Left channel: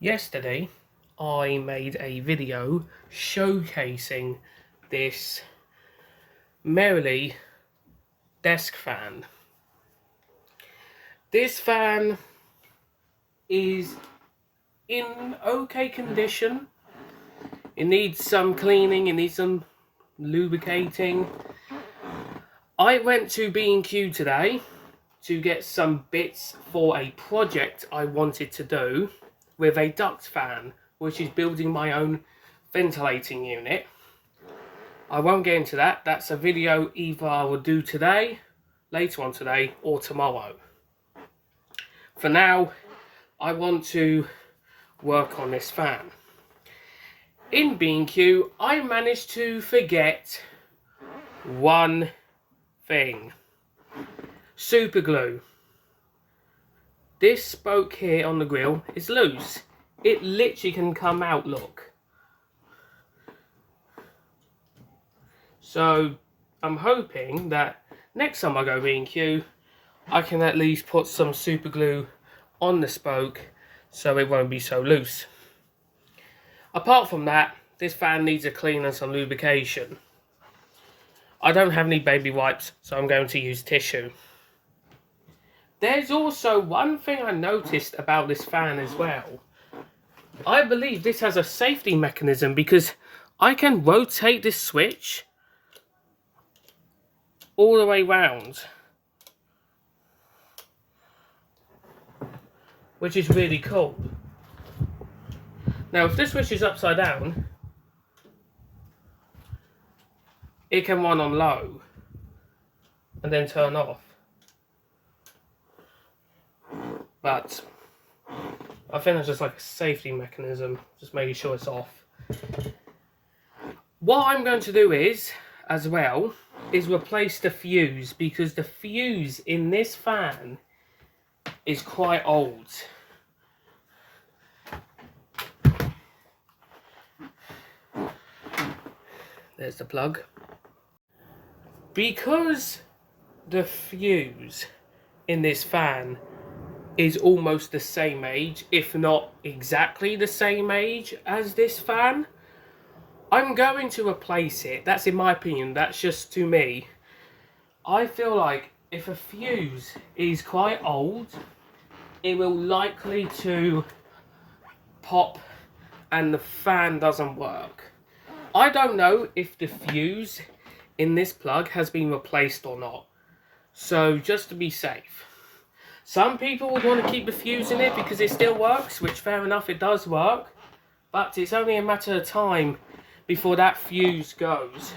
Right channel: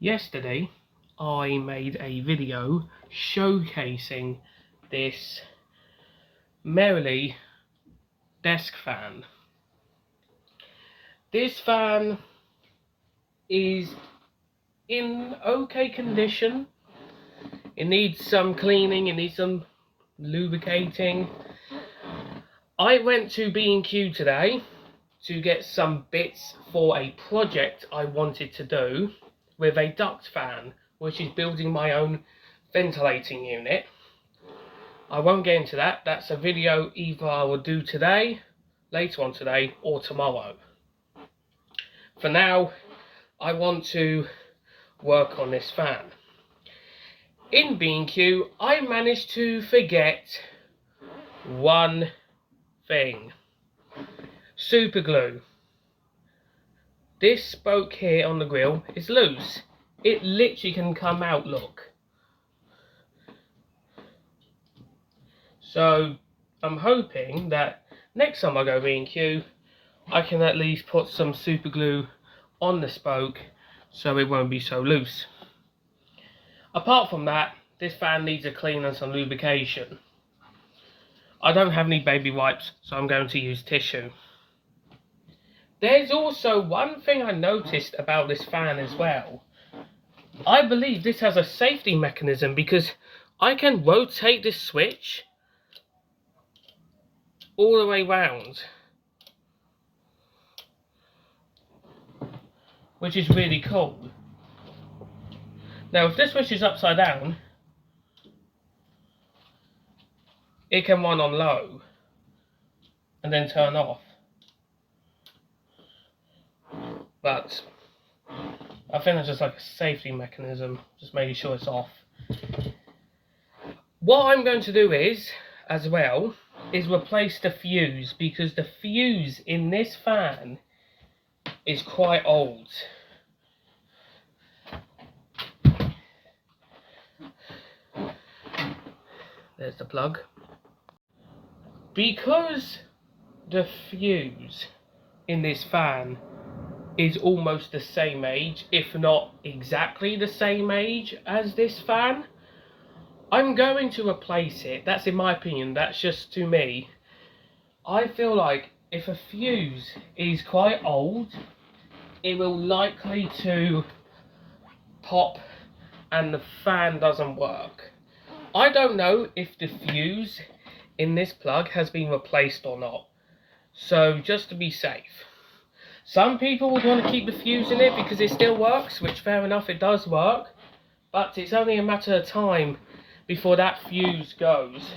Yesterday, I made a video showcasing this Merrily desk fan. This fan is in okay condition. It needs some cleaning, it needs some lubricating. I went to B&Q today to get some bits for a project I wanted to do with a duct fan, which is building my own ventilating unit. I won't get into that. That's a video either I will do today, later on today, or tomorrow. For now, I want to work on this fan. In B&Q, I managed to forget one thing. Super glue. This spoke here on the grill is loose. It literally can come out, look. So I'm hoping that next time I go B&Q, I can at least put some super glue on the spoke so it won't be so loose. Apart from that, this fan needs a clean and some lubrication. I don't have any baby wipes, so I'm going to use tissue. There's also one thing I noticed about this fan as well. I believe this has a safety mechanism because I can rotate this switch all the way round, which is really cool. Now if this switch is upside down, it can run on low and then turn off. But I think that's just like a safety mechanism, just making sure it's off. What I'm going to do is, as well, is replace the fuse, because the fuse in this fan is quite old. There's the plug. Because the fuse in this fan is almost the same age, if not exactly the same age as this fan, I'm going to replace it. That's in my opinion, that's just to me. I feel like if a fuse is quite old, it will likely to pop and the fan doesn't work. I don't know if the fuse in this plug has been replaced or not, so just to be safe. Some people would want to keep the fuse in it because it still works, which fair enough, it does work, but it's only a matter of time before that fuse goes.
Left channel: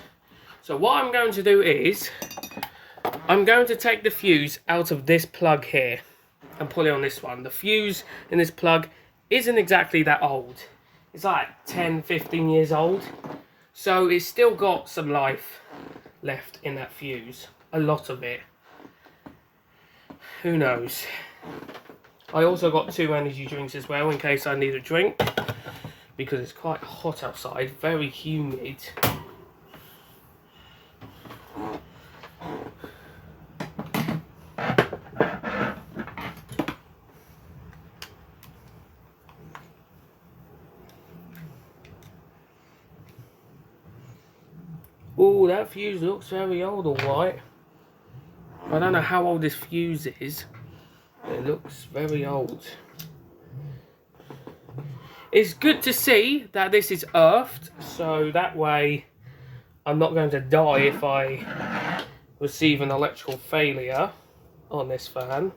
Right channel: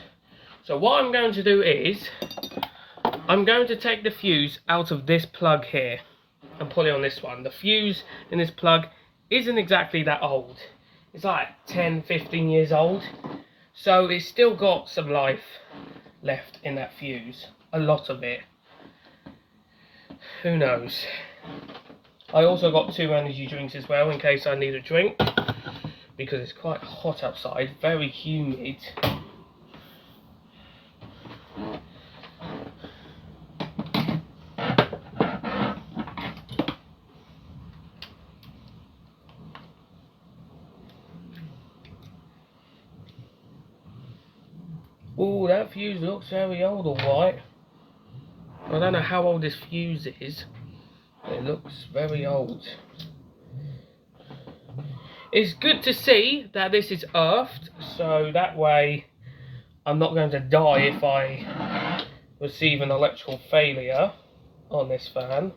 So what I'm going to do is, I'm going to take the fuse out of this plug here and put it on this one. The fuse in this plug isn't exactly that old. It's like 10-15 years old. So it's still got some life left in that fuse. A lot of it. Who knows? I also got 2 energy drinks as well in case I need a drink, because it's quite hot outside, very humid. Oh, that fuse looks very old, alright. I don't know how old this fuse is. It looks very old. It's good to see that this is earthed, so that way I'm not going to die if I receive an electrical failure on this fan.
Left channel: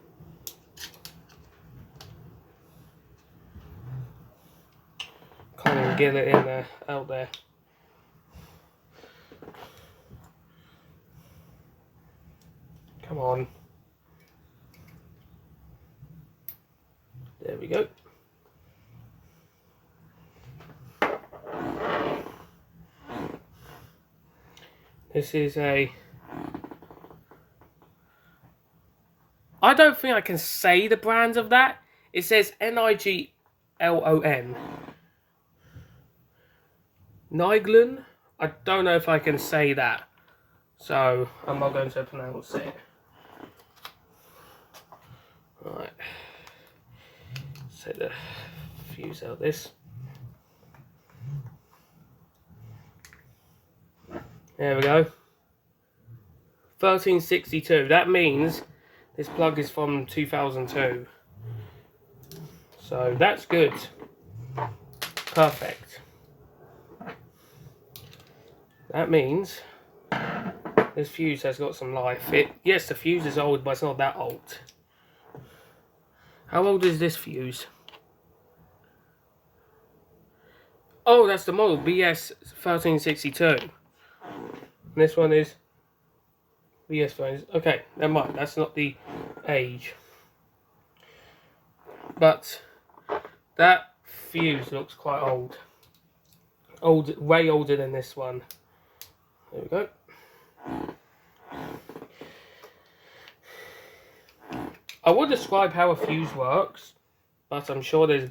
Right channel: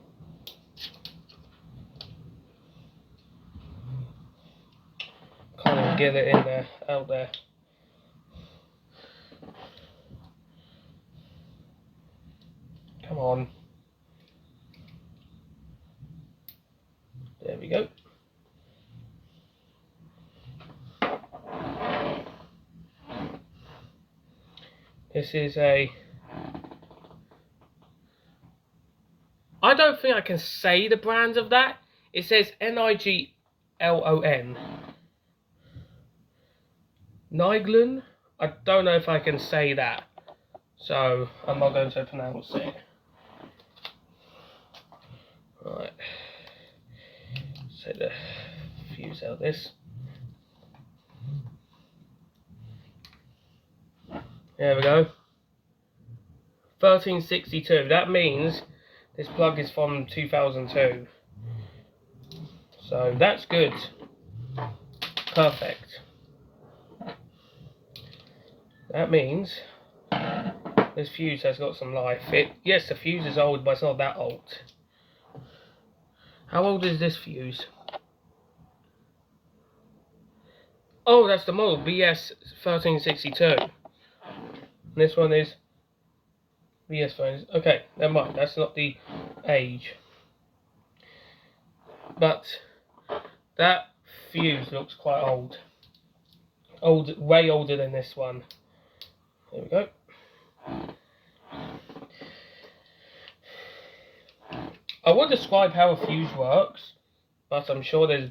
Can't even get it in there, out there. Come on. There we go. This is a... I don't think I can say the brand of that. It says Niglon. Niglon? I don't know if I can say that. So, I'm not going to pronounce it. Right. Set the fuse out this. There we go. 1362. That means this plug is from 2002. So that's good. Perfect. That means this fuse has got some life. Yes, the fuse is old, but it's not that old. How old is this fuse? Oh, that's the model, BS 1362. This one is BS 13. Okay, never mind. That's not the age. But that fuse looks quite old. Way older than this one. There we go. I will describe how a fuse works, but I'm sure there's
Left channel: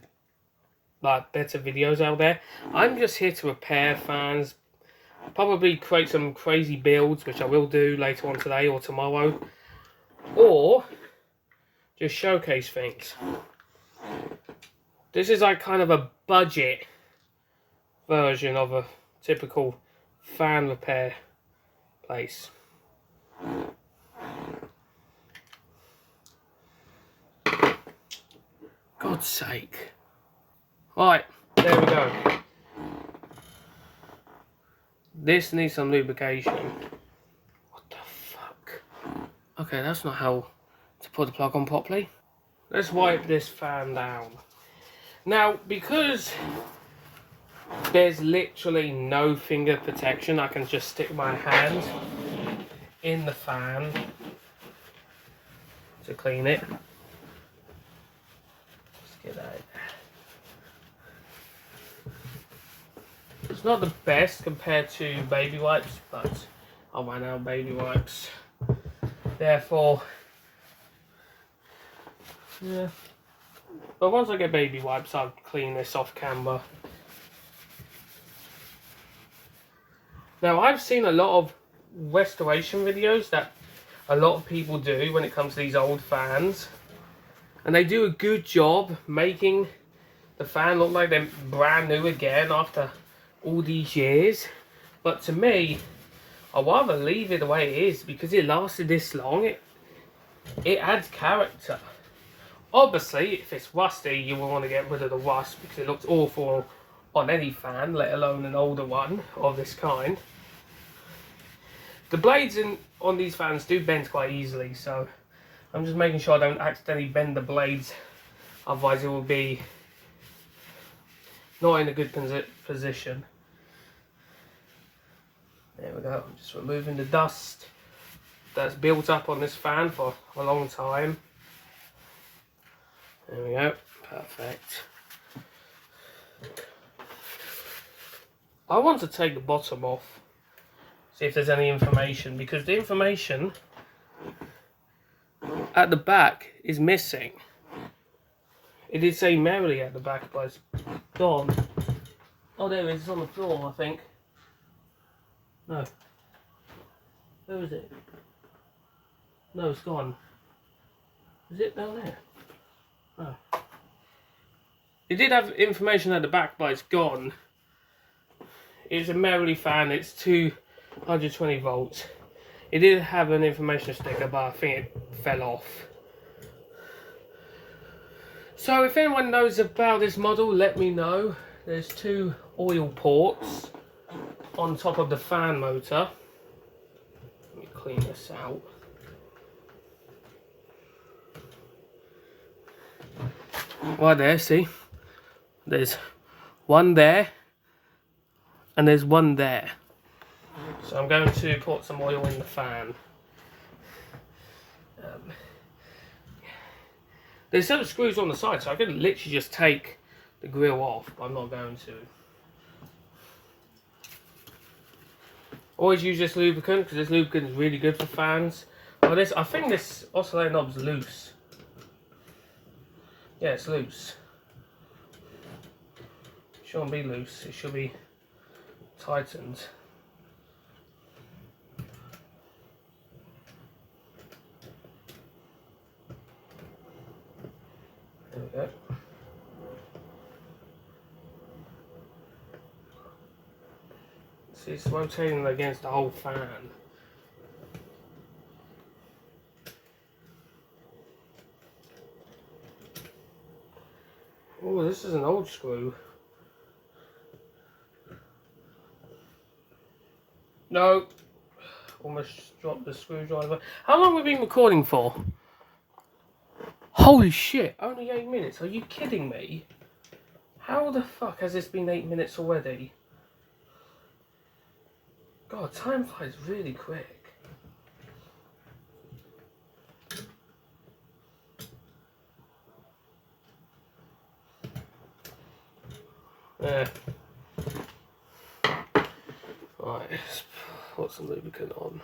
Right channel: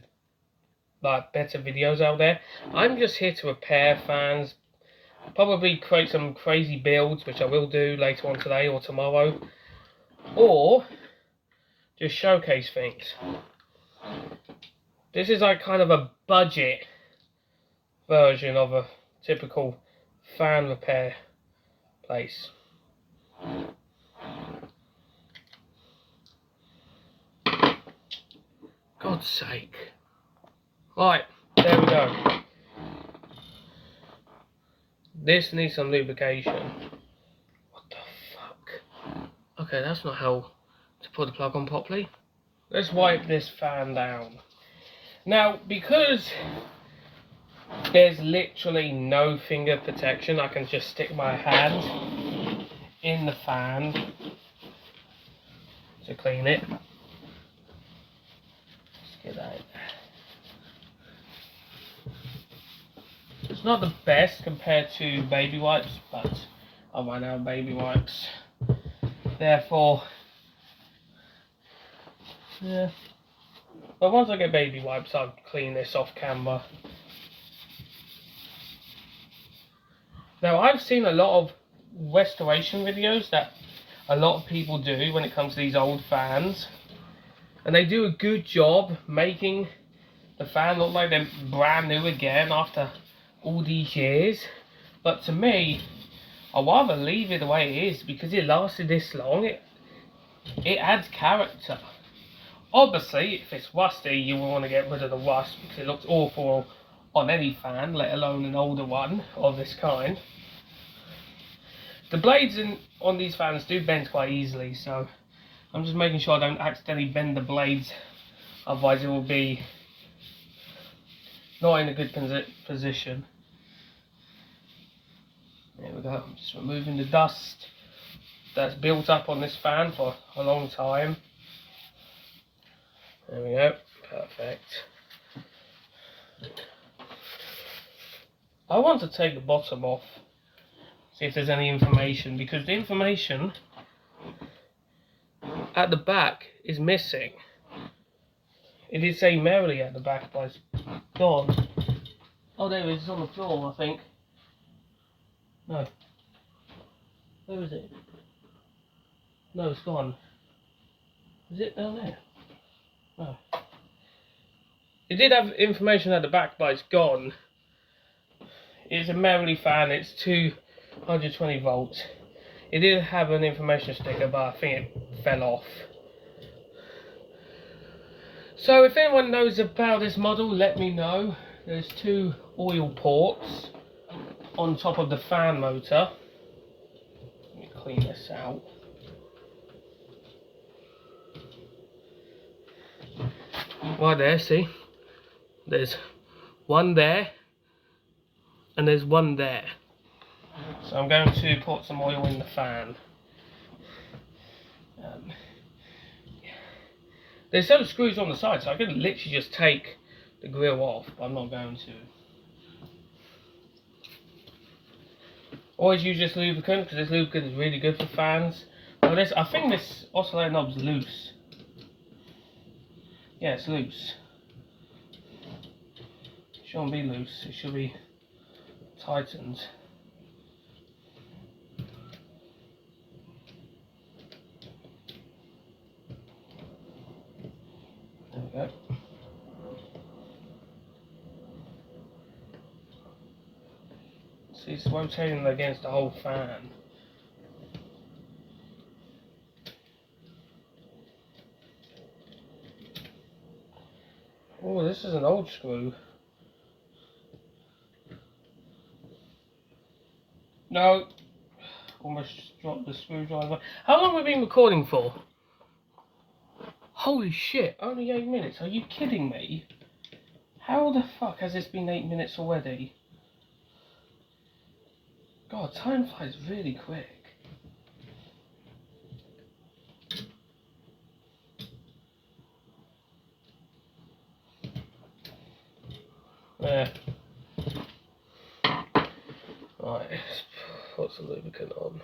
like better videos out there. I'm just here to repair fans, probably create some crazy builds, which I will do later on today or tomorrow, or just showcase things. This is like kind of a budget version of a typical fan repair place. God's sake. Right, there we go. This needs some lubrication. What the fuck? Okay, that's not how to put the plug on properly. Let's wipe this fan down. Now, because there's literally no finger protection, I can just stick my hand in the fan to clean it. Let's get that in. It's not the best compared to baby wipes, but I run out of baby wipes. Therefore, yeah. But once I get baby wipes, I'll clean this off camera. Now, I've seen a lot of restoration videos that a lot of people do when it comes to these old fans. And they do a good job making the fan look like they're brand new again after all these years. But to me, I'd rather leave it the way it is because it lasted this long. It adds character. Obviously, if it's rusty, you will want to get rid of the rust because it looks awful on any fan, let alone an older one of this kind. The blades on these fans do bend quite easily, so I'm just making sure I don't accidentally bend the blades, otherwise it will be not in a good position. There we go. I'm just removing the dust that's built up on this fan for a long time. There we go. Perfect. I want to take the bottom off, see if there's any information, because the information at the back is missing. It did say merrily at the back, but it's gone. Oh, there it is. It's on the floor, I think. No. Where is it? No, it's gone. Is it down there? No. It did have information at the back, but it's gone. It's a Merrily fan. It's 220 volts. It did have an information sticker, but I think it fell off. So if anyone knows about this model, let me know. There's 2 oil ports on top of the fan motor. Let me clean this out. Right there, see? There's one there and there's one there. So I'm going to put some oil in the fan. There's some screws on the side, so I could literally just take the grill off, but I'm not going to. Always use this lubricant, because this lubricant is really good for fans. But this, I think this oscillator knob's loose. Yeah, it's loose. It shouldn't be loose, it should be tightened. There we go. See, it's rotating against the whole fan. Oh, this is an old screw. No. Almost dropped the screwdriver. How long have we been recording for? Holy shit, only 8 minutes. Are you kidding me? How the fuck has this been 8 minutes already? God, time flies really quick. Yeah. Right, let's put some lubricant on.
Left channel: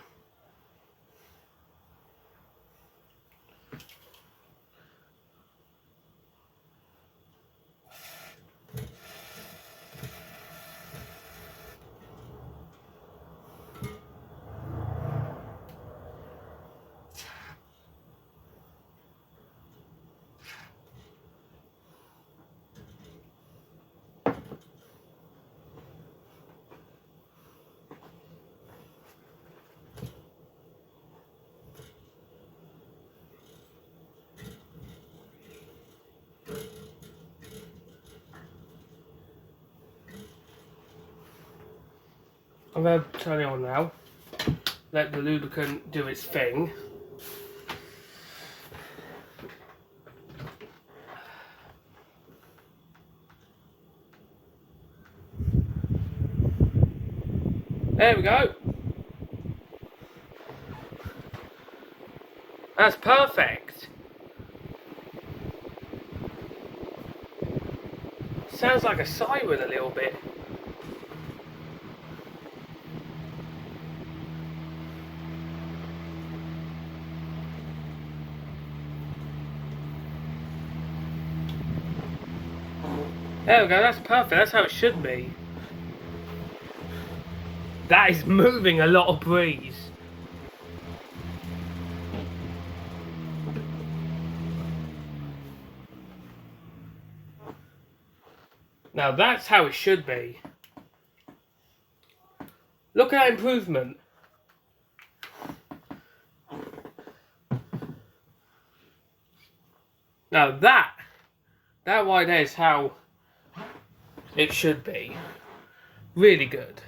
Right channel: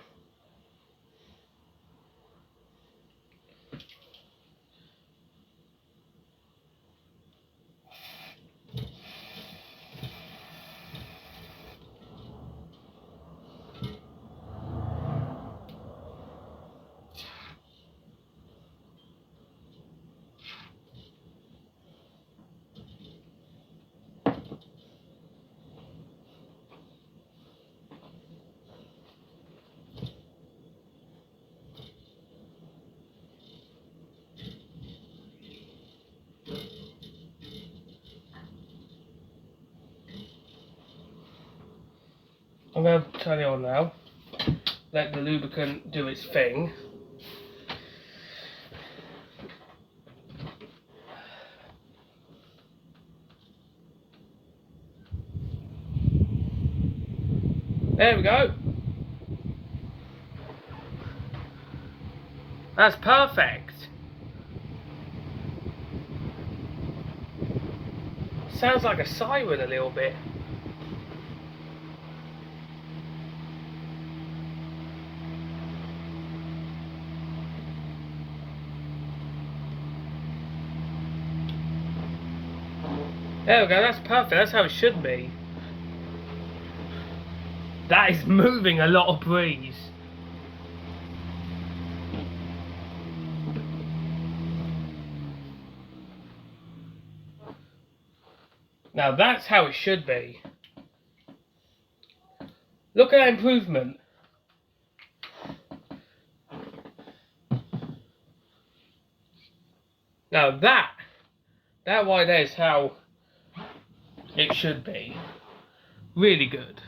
I'm going to turn it on now. Let the lubricant do its thing. There we go. That's perfect. Sounds like a siren a little bit. There we go, that's perfect, that's how it should be. That is moving a lot of breeze. Now that's how it should be. Look at that improvement. Now that right there is how it should be. Really good.